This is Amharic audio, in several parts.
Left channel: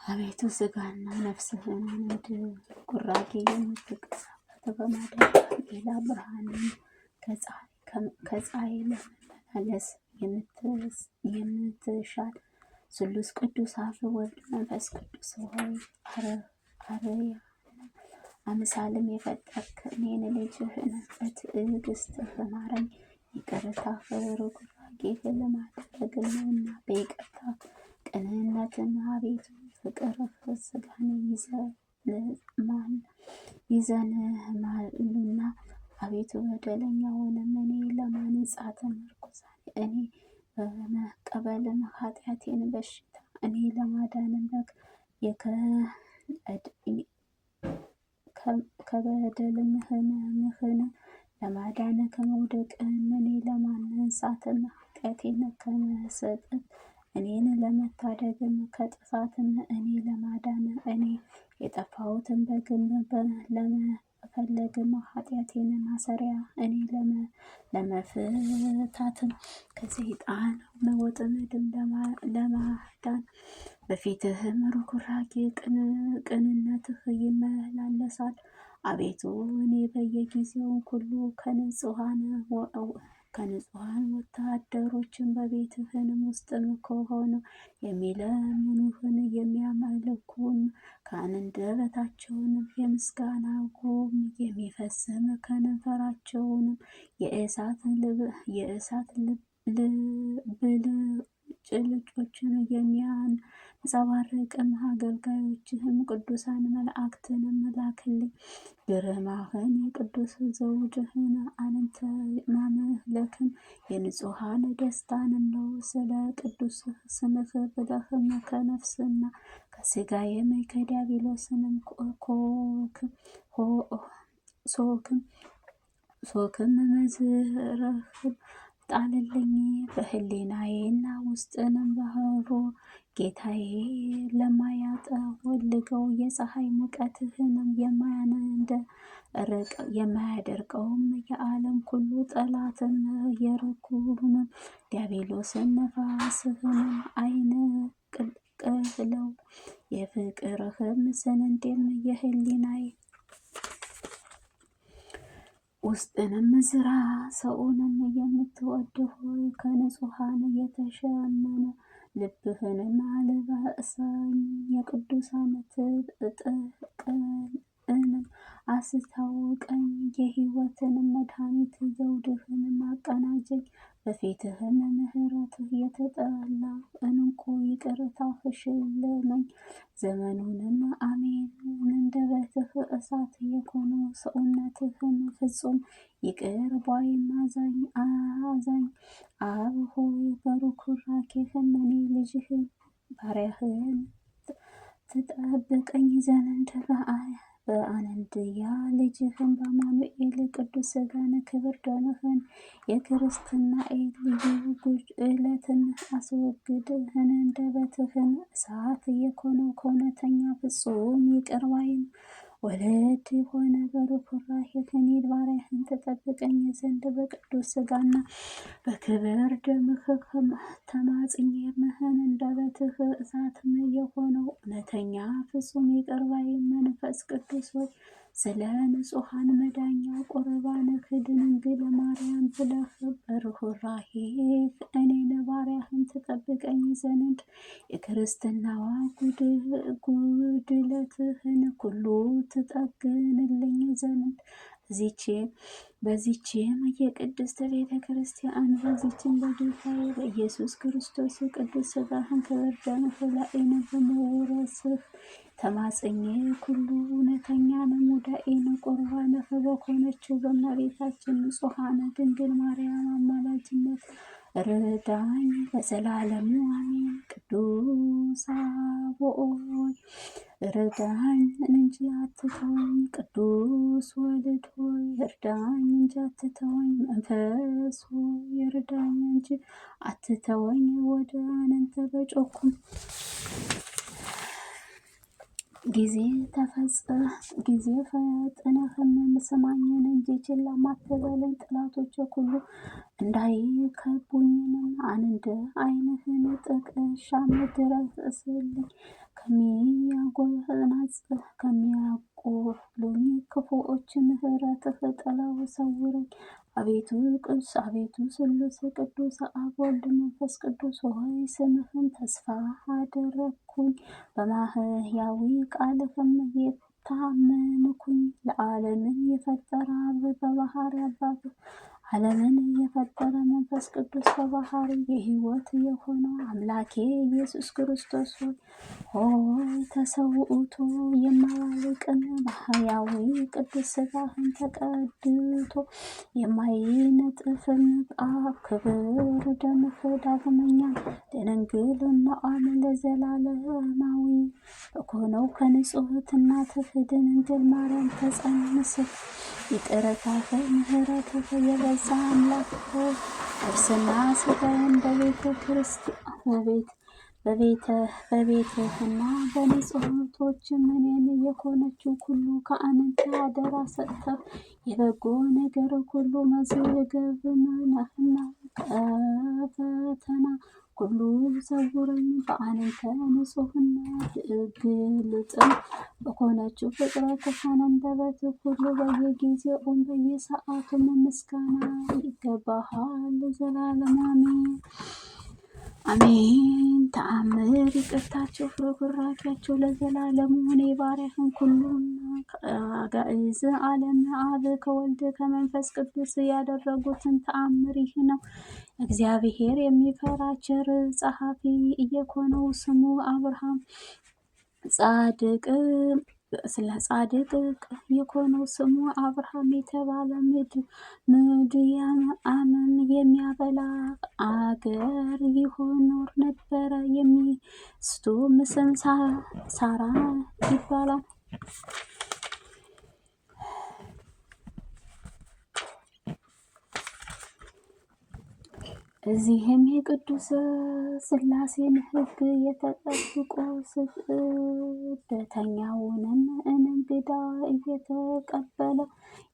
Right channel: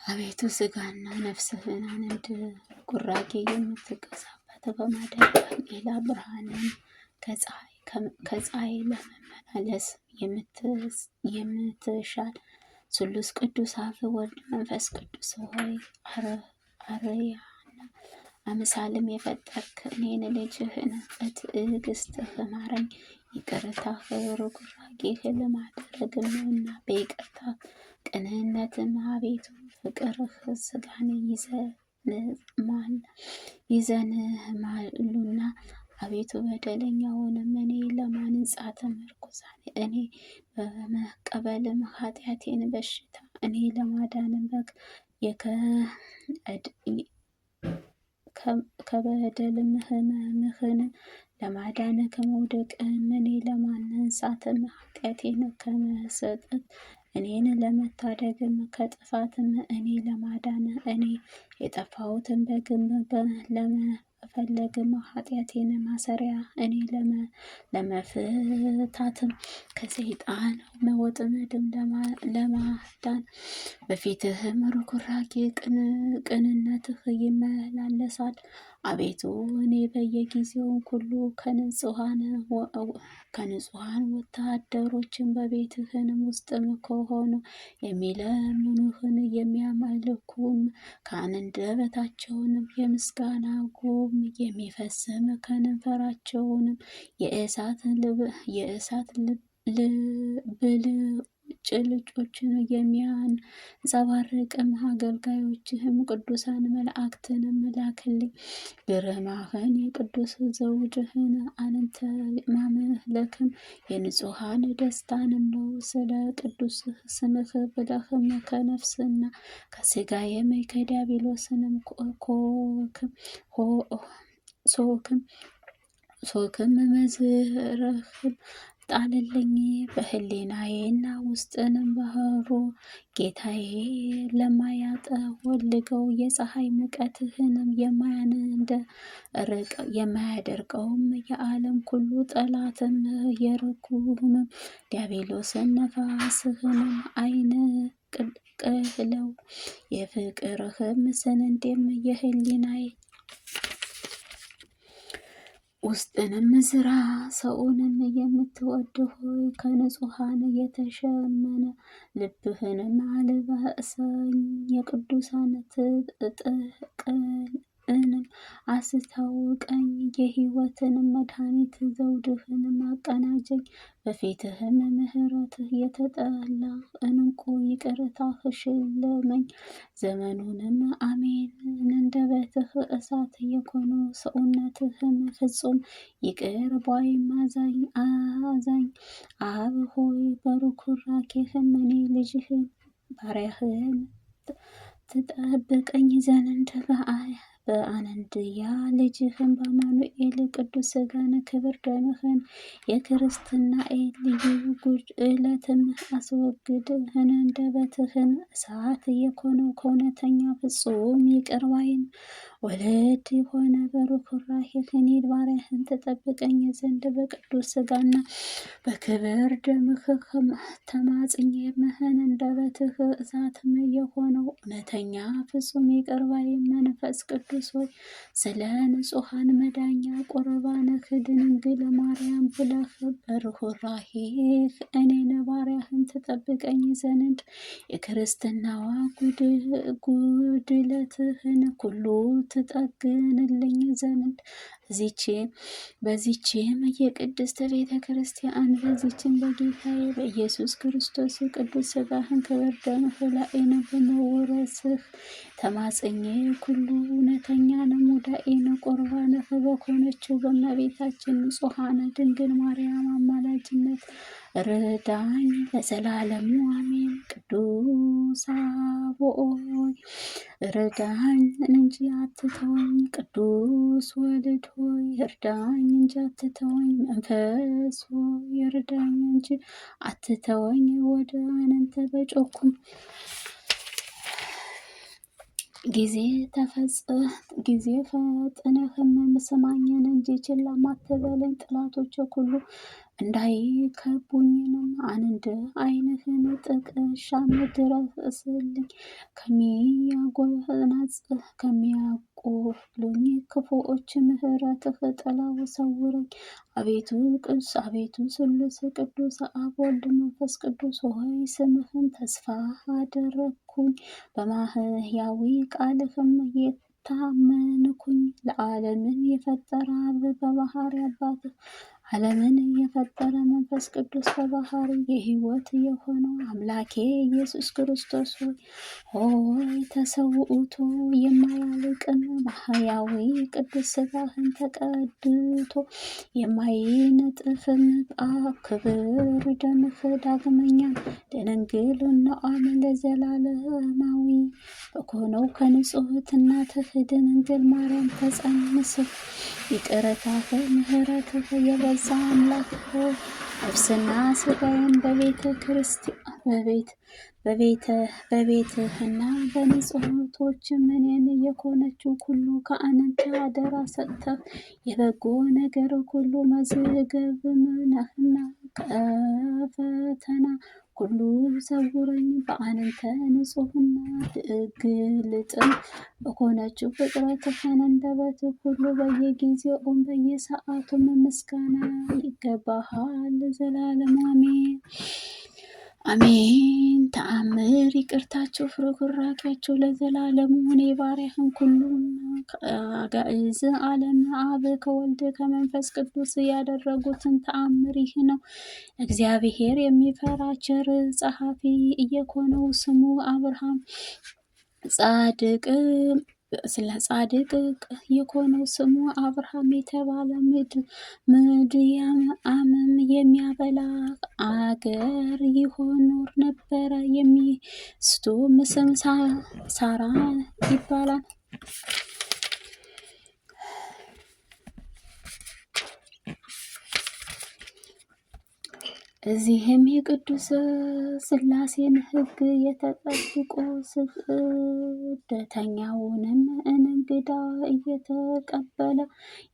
አቤቱ ስጋና ነፍስህን አንድ ቁራጌ የምትገዛበት በማደሪያ ሌላ ብርሃንን ከፀሐይ ለመመላለስ የምትሻል ስሉስ ቅዱስ አብ ወልድ መንፈስ ቅዱስ ሆይ አርያና አምሳልም የፈጠርክ እኔን ልጅህን በትዕግስትህ ማረኝ። ይቅርታህ ርኅራኄህ ለማድረግምና በይቅርታ ቅንነትም አቤቱ ፍቅርህ ስጋን ይዘንማሉና አቤቱ በደለኛውንም እኔ ለማንጻት ምርኩዛን እኔ በመቀበልም ኃጢአቴን በሽታ እኔ ለማዳንም ከበደልም ህመምህን ለማዳን ከመውደቅም እኔ ለማንሳትም ኃጢአቴን ከመሰጠት እኔን ለመታደግም ከጥፋትም እኔ ለማዳን እኔ የጠፋሁትን በግንብ ለመፈለግም ኃጢአቴን ማሰሪያ እኔ ለመፍታትም ከሰይጣን ወጥመድም ለማዳን በፊትህም ርኅራኄ ቅንነትህ ይመላለሳል። አቤቱ እኔ በየጊዜው ሁሉ ከንጹሐን ወታደሮችን በቤትህንም ውስጥም ከሆኑ የሚለምኑህን የሚያመልኩን ከአንደበታቸውንም የምስጋና ጉም የሚፈስም ከንፈራቸውንም የእሳት ብልጭልጮችን የሚያንጸባርቅም አገልጋዮችህም ቅዱሳን መላእክትንም ላክልኝ። ግርማህን የቅዱስ ዘውድህን አንተ ማምለክም የንጹሐን ደስታንም ነው። ስለ ቅዱስ ስምህ ብለህም ከነፍስና ከሥጋዬም ከዲያብሎስንም ሶክም መዝረህም ጣልልኝ። በህሊናዬና ውስጥንም ባህሩ ጌታዬ ለማያጠወልገው የፀሐይ ሙቀትህንም የማያደርቀውም የዓለም ሁሉ ጠላትም የርኩምም ዲያብሎስን ነፋስህንም አይንቅለው። የፍቅርህም ስንዴም የህሊናዬ ውስጥንም ዝራ። ሰውንም የምትወድ ሆይ ከንጹሐን የተሸመነ ልብህንም አልባሰኝ። የቅዱሳን ጥቅልንም አስታውቀኝ። የሕይወትንም መድኃኒት ዘውድህንም አቀናጀኝ። በፊትህም ምሕረትህ የተጠላ እንቁ ይቅርታህ ሽልመኝ። ዘመኑንም አሜን። አንደበትህ እሳት የሆነው ሰውነትህም ፍጹም ይቅር ባይም አዛኝ አብ ሆይ በርኅራኄህም እኔ ልጅህን ባሪያህን ትጠብቀኝ ዘንድ በአንድያ ልጅህን በአማኑኤል ቅዱስ ሥጋን ክብር ደምህን የክርስትናኤል ልዩ ጉድለትም አስወግድ። አንደበትህን እሳት የሆነው ከእውነተኛ ፍጹም ይቅር ባይን ወለድ የሆነ በርኅራኄህ እኔን ባሪያህን ትጠብቀኝ ዘንድ በቅዱስ ሥጋና በክብር ደምህ ተማጽኜምህን አንደበትህ እሳትም የሆነው እውነተኛ ፍጹም ይቅር ባይ መንፈስ ቅዱስ ሆይ ስለ ንጹሐን መዳኛ ቁርባንህ ድንግል ማርያም ብለህ በርኅራኄህ እኔን ባሪያህን ትጠብቀኝ ዘንድ የክርስትናዋ ጉድለትህን ሁሉ ትጠግንልኝ ዘንድ በዚችም የቅድስት ቤተ ክርስቲያን በዚችም በጌታዬ በኢየሱስ ክርስቶስ ቅዱስ ሥጋህን ክብር ደምህ ላይን በመውረስህ ተማጽኜ ኩሉ እውነተኛን ሙዳኤን ቁርባንህ በሆነችው በእመቤታችን ንጹሐን ድንግል ማርያም አማላጅነት ርዳኝ ለዘላለሙ አሜን። ቅዱስ አብ ሆይ እርዳኝ እንጂ አትተወኝ። ቅዱስ ወልድ ሆይ እርዳኝ እንጂ አትተወኝ። መንፈስ ሆይ እርዳኝ እንጂ አትተወኝ። ወደ አንተ በጮኽኩ ጊዜ ፈጥነህም ስማኝን እንጂ ችላ አትበለኝ። ጠላቶቼ ሁሉ እንዳይከቡኝንም አንድ ዓይንህን ጥቅሻ ድረስልኝ። ከሚያቆሉኝ ክፉዎች ምሕረትህ ጥላው ሰውረኝ። አቤቱ ስሉስ ቅዱስ አብ ወልድ መንፈስ ቅዱስ ሆይ ስምህን ተስፋ አደረግኩኝ። በማህያዊ ቃልህም የታመንኩኝ። ለዓለምን የፈጠረ አብ በባህሪ አባትህ ዓለምን የፈጠረ መንፈስ ቅዱስ በባህሪ የሕይወት የሆነው አምላኬ ኢየሱስ ክርስቶስ ሆይ ተሰውቶ የማያልቅን ማህያዊ ቅዱስ ሥጋህን ተቀድቶ የማይነጥፍን ክብር ደምህ ዳግመኛ ለድንግልናዋም ለዘላለማዊ በሆነው ከንጽሕት እናትህ ድንግል ማርያም ተጸንስህ ይቅርታህ ምሕረትህ የበዛ አምላክ ነፍስና ሥጋዬን በቤተ ክርስቲያን በቤትህና በንጽሕቶች እኔን የሆነችው ሁሉ ከአንተ አደራ ሰጥተህ የበጎ ነገር ሁሉ መዝገብም ነህና ከፈተና ሁሉ ሰውረኝ። በአንተ ንጹሕና ግልጥም በሆነችው ፍጥረትህ አንደበት ሁሉ በየጊዜውም በየሰዓቱም ምስጋና ይገባሃል ዘላለም አሜን አሜን። ተአምር ይቅርታቸው ፍርፍራቂያቸው ለዘላለሙ እኔ ባሪያህን ሁሉን ከአጋዕዝ ዓለም አብ ከወልድ ከመንፈስ ቅዱስ ያደረጉትን ተአምር ይህ ነው። እግዚአብሔር የሚፈራ ቸር ጸሐፊ እየኮነው ስሙ አብርሃም ጻድቅ የኮነው ስሙ አብርሃም የተባለ ምድያምም የሚያበላ አገር ይኖር ነበረ። የሚስቱ ስም ሳራ ይባላል። እዚህም የቅዱስ ሥላሴን ሕግ የተጠብቆ ስደተኛውንም እንግዳ እየተቀበለ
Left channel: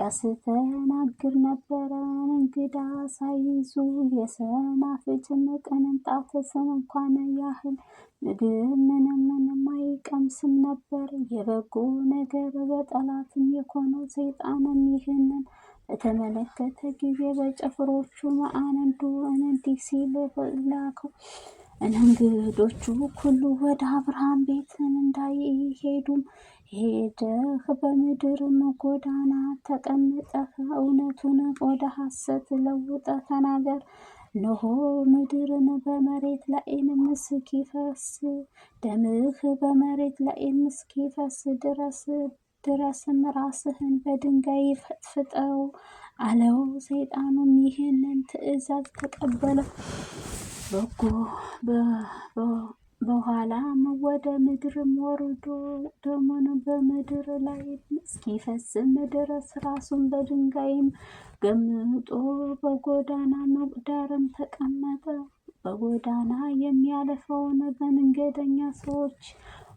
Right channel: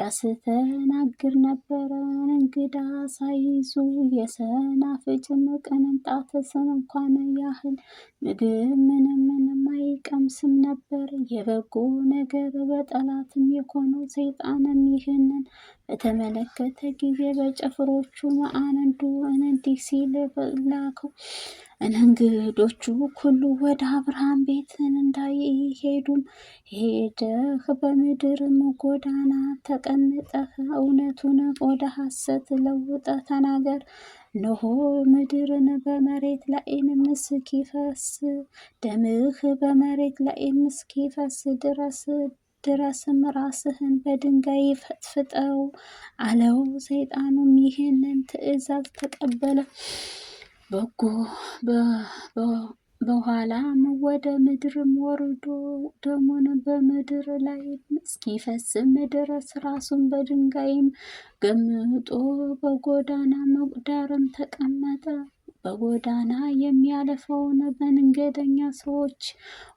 ያስተናግድ ነበረ። እንግዳ ሳይዙ የሰናፍጭም ቅንጣት እንኳን ያህል ምግብ ምንም አይቀምስም ነበር። የበጎ ነገር በጠላትም የሆነው ሰይጣንም ይህንን በተመለከተ ጊዜ በጭፍሮቹ አንዱ እንዲህ ሲል ላከው። እንግዶቹ ሁሉ ወደ አብርሃም ቤት እንዳይሄዱም ሄደህ በምድርም ጎዳና ተቀምጠህ እውነቱን ወደ ሐሰት ለውጠህ ተናገር። እነሆ ምድርን በመሬት ላይም እስኪፈስ ደምህ በመሬት ላይም እስኪፈስ ድረስም ራስህን በድንጋይ ፈጥፍጠው አለው። ሰይጣኑም ይህንን ትእዛዝ ተቀበለ። በኋላም ወደ ምድርም ወርዶ ደሙን በምድር ላይ እስኪፈስም ድረስ ራሱን በድንጋይም ገምጦ በጎዳና ዳርም ተቀመጠ። በጎዳና የሚያልፈውን መንገደኛ ሰዎች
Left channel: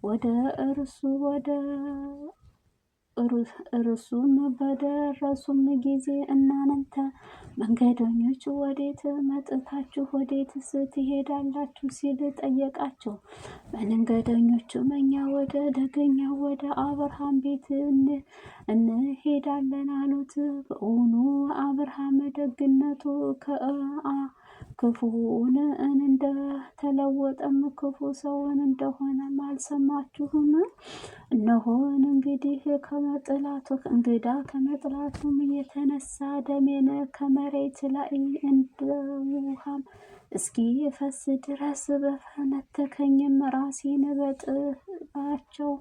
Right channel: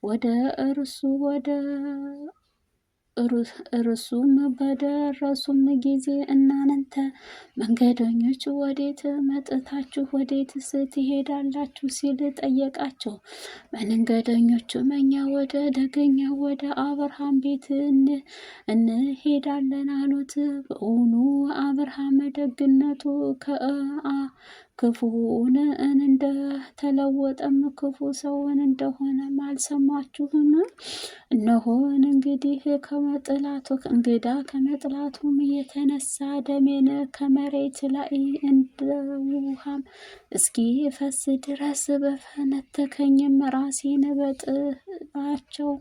ወደ እርሱም በደረሱም ጊዜ እናንተ መንገደኞች ወዴት መጥታችሁ ወዴትስ ትሄዳላችሁ? ሲል ጠየቃቸው። መንገደኞቹም እኛ ወደ ደገኛ ወደ አብርሃም ቤት እንሄዳለን አሉት። በእውኑ አብርሃም ደግነቱ ክፉውን እንደተለወጠም ክፉ ሰውን እንደሆነም አልሰማችሁም? እነሆን እንግዲህ እንግዳ ከመጥላቱም የተነሳ ደሜን ከመሬት ላይ እንደ ውሃም እስኪፈስ ድረስ በፈነተከኝም ራሴን በጥባቸው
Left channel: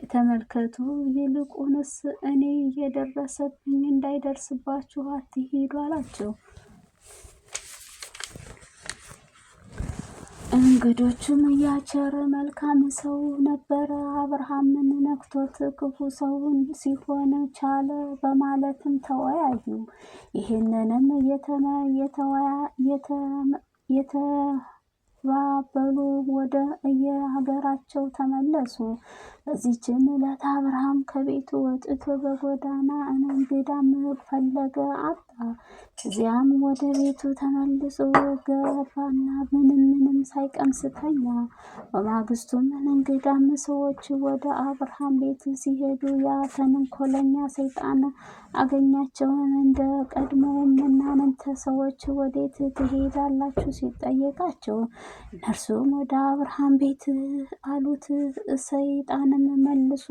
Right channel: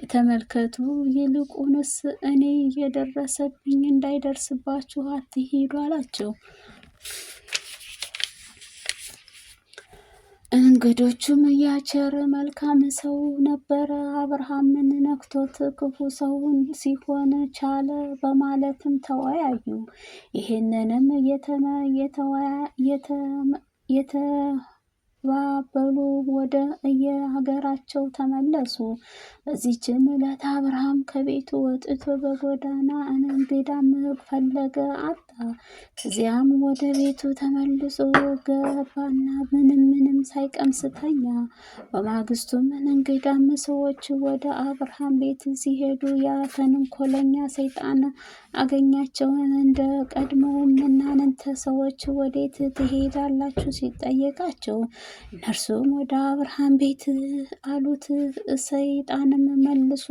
የተመልከቱ። ይልቁንስ እኔ የደረሰብኝ እንዳይደርስባችሁ አትሂዱ አላቸው። እንግዶቹም ያቸረ መልካም ሰው ነበረ፣ አብርሃምን ነክቶት ክፉ ሰውን ሲሆን ቻለ በማለትም ተወያዩ። ይህንንም የተባበሉ ወደ የሀገራቸው ተመለሱ። በዚህችም ዕለት አብርሃም ከቤቱ ወጥቶ በጎዳና እንግዳም ፈለገ አጣ። እዚያም ወደ ቤቱ ተመልሶ ገባና ምንም ሳይቀምስ ተኛ። በማግስቱም እንግዳም ሰዎች ወደ አብርሃም ቤት ሲሄዱ ያ ተንኮለኛ ሰይጣን አገኛቸው። እንደ ቀድሞውም እናንተ ሰዎች ወዴት ትሄዳላችሁ ሲጠየቃቸው እነርሱም ወደ አብርሃም ቤት አሉት። ሰይጣንም መልሶ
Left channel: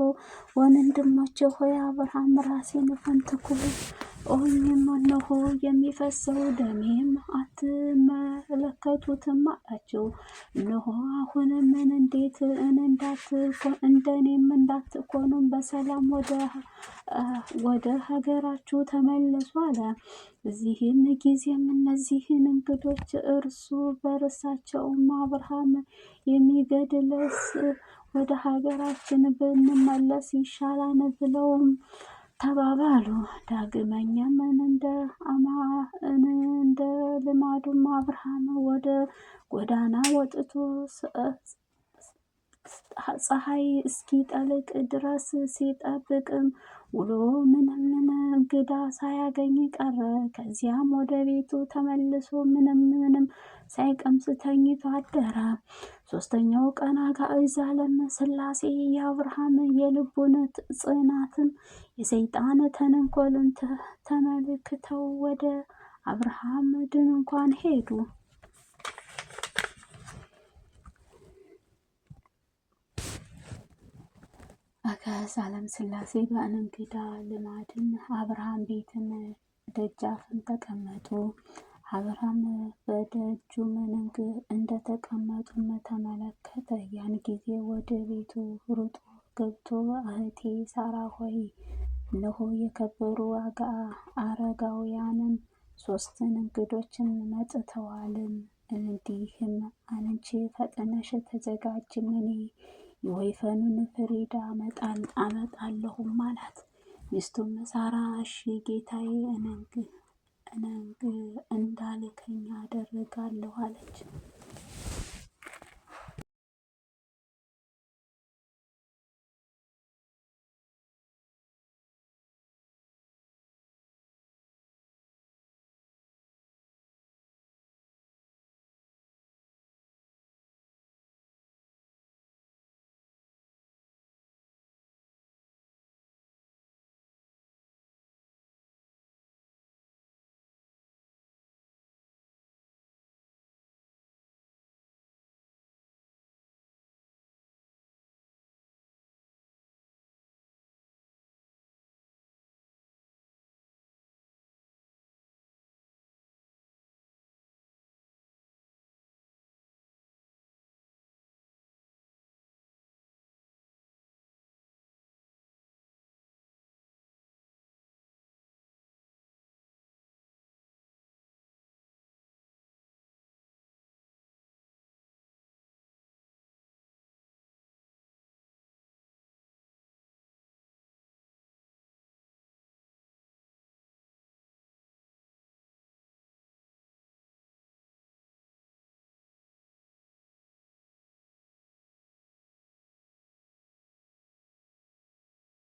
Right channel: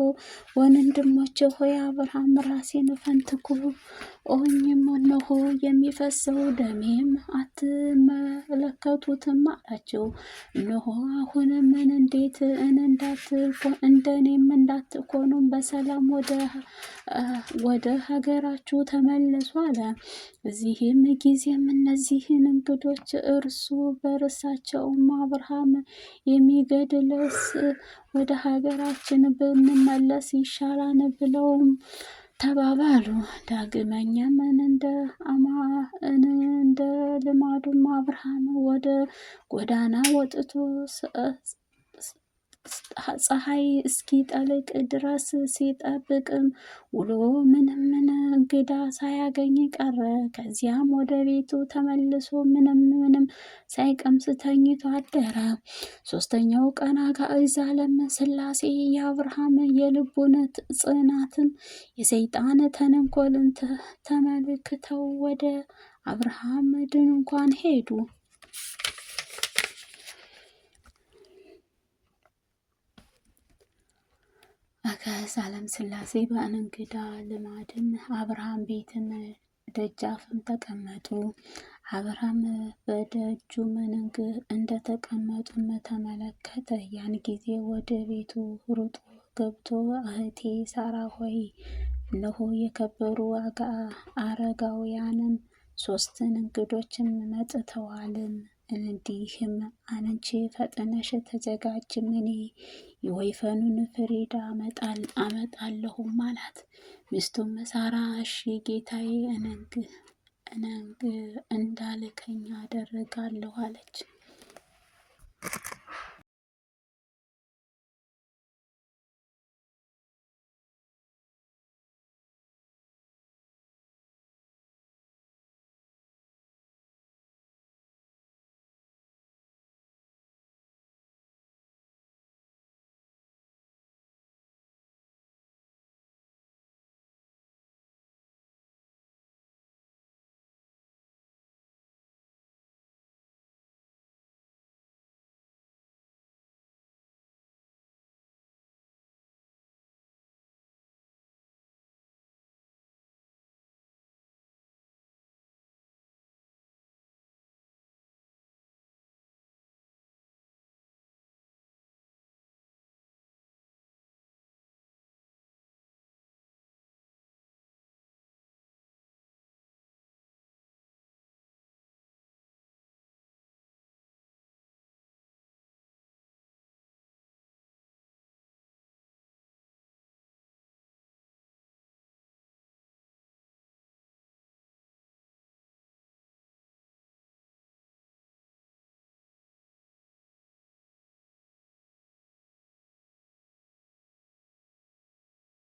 ወንድሞቼ ሆይ አብርሃም ራሴን ፈንትኩ ኦኝም እነሆ የሚፈሰው ደሜም አትመለከቱትም አላቸው። እነሆ አሁንም እንዴት እንደኔም እንዳትኮኑም በሰላም ወደ ሀገራችሁ ተመለሱ አለ። በዚህም ጊዜም እነዚህን እንግዶች እርሱ በርሳቸውም አብርሃም የሚገድለስ ወደ ሀገራችን ብንመለስ ይሻላል ብለውም ተባባሉ። ዳግመኛም እንደ ልማዱም አብርሃም ወደ ጎዳና ወጥቶ ፀሐይ እስኪጠልቅ ድረስ ሲጠብቅም ውሎ ምንም እንግዳ ሳያገኝ ቀረ። ከዚያም ወደ ቤቱ ተመልሶ ምንም ሳይቀምስ ተኝቶ አደረ። ሶስተኛው ቀን አጋዕዛለም ሥላሴ የአብርሃም የልቡን ጽናትም የሰይጣን ተንኮልን ተመልክተው ወደ አብርሃም ድንኳን ሄዱ። አጋዕዛለም ሥላሴ በእንግዳ ልማድም አብርሃም ቤትም ደጃፍም ተቀመጡ። አብርሃም በደጁ መንግ እንደተቀመጡም ተመለከተ። ያን ጊዜ ወደ ቤቱ ሩጦ ገብቶ እህቴ ሳራ ሆይ እነሆ የከበሩ አረጋውያንም 3 እንግዶችም መጥተዋልም። እንዲህም አንቺ ፈጥነሽ ተዘጋጅም እኔ የወይፈኑን ፍሪዳ አመጣለሁም አላት። ሚስቱም ሳራ እሺ ጌታዬ እንዳልከኝ አደርጋለሁ አለች።